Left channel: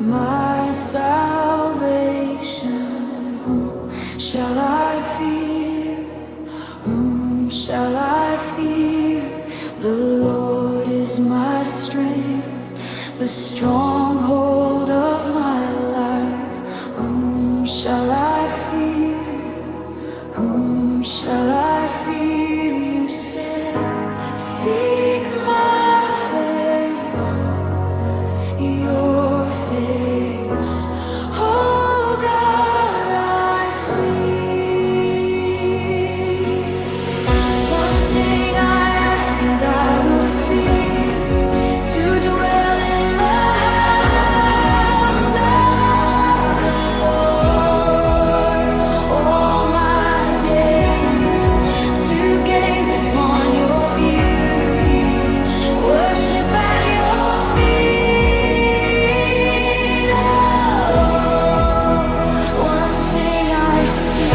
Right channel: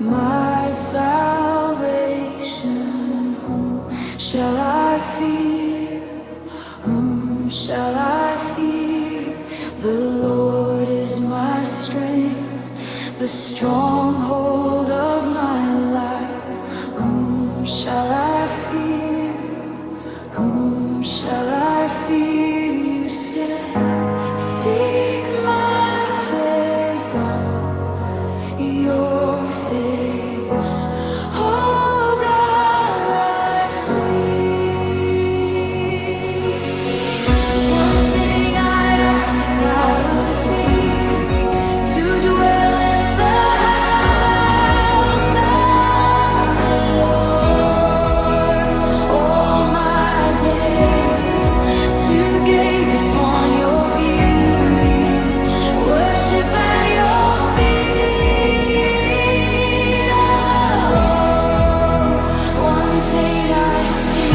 my salvation. Whom shall I fear? Whom shall I fear? The Lord is my strength, the stronghold of my life. Whom shall I fear? Whom shall I fear? You said, seek my face, your face. Oh God, I see. One thing I ask and I will seek, to dwell in the house of the Lord all my days, to gaze upon your beauty, worship at your feet. Oh, one thing I see.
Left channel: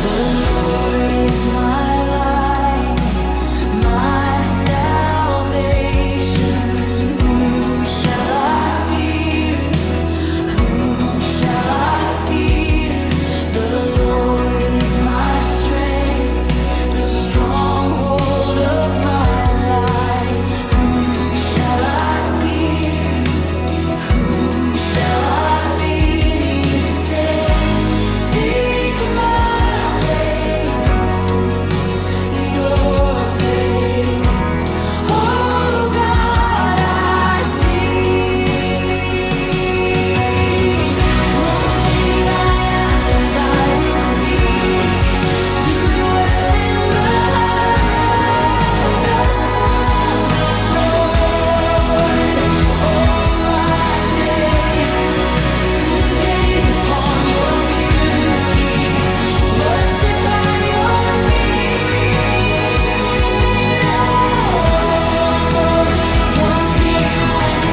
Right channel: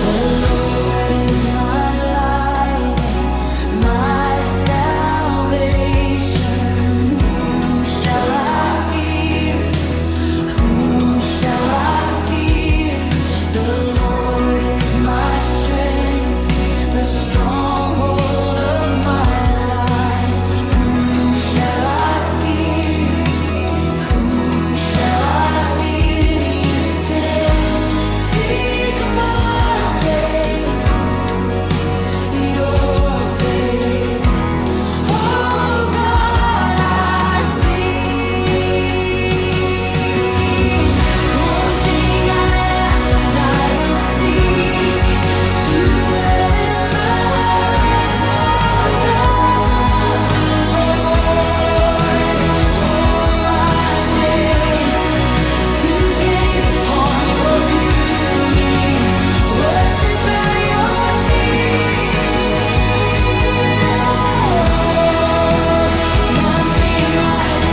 The Lord is my light, my salvation. Whom shall I fear? Whom shall I fear? The Lord is my strength, the stronghold of my life. Whom shall I fear? Whom shall I fear? You said, seek my face, your face. Oh God, I see. One thing I ask and I will seek, to dwell in the house of the Lord all my days, to gaze upon your beauty, worship at your feet. Oh, one thing I see.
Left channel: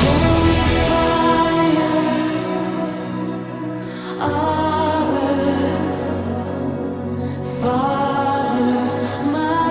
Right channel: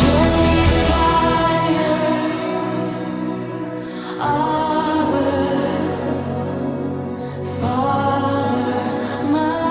Holy fire, Abba, Father, my